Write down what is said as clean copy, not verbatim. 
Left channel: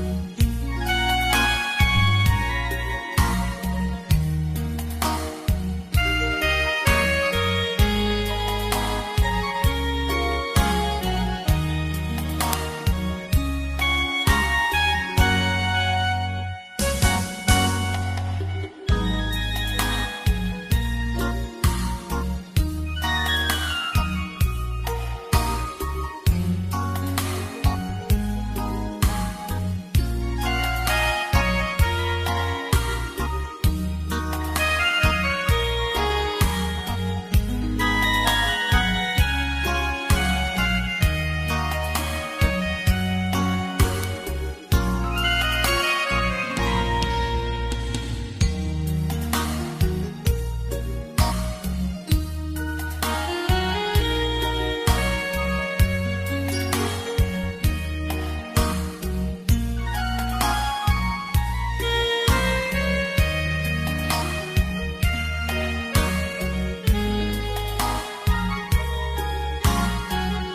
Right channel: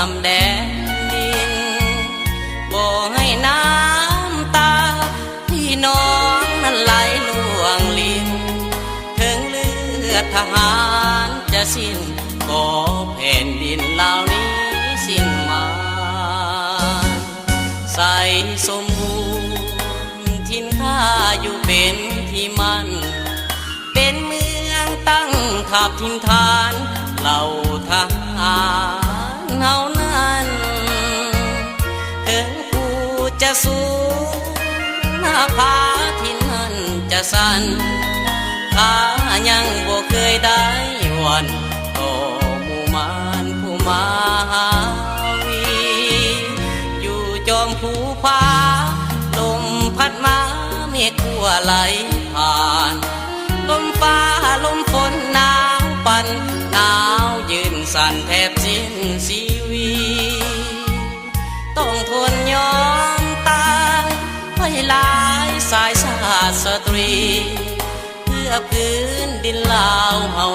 ามแดนดินบ่ให้น้ำตาพี่น้องนั้นไหลล่วงลิ้นถึงเลือดทหารจะสิ้นขอแผ่นดินเหล่านี้สิ้นมาใส่สมบูรณ์ทินข้าอยู่เป็นที่มั่นเป็นเมืองตั้งทัพทินฐานเหล่าทหารเฮานั้นถึงผู้จะสูงหน้าผาที่นั่นจะสั่นข้ายังบ่เคยได้หวั่นต่อหมู่มารผู้มาหาวีอยู่จอมภูผาลมพัดมาเมฆทั่วไหลผ่านลมฟ้าลมฝนหนาวปั่นหนาวยืนสั่นแทบสิ้นชีวิตต้องทนยอมตายให้หลายสายชาติสตรีเพื่อพื้นดินลาวเฮา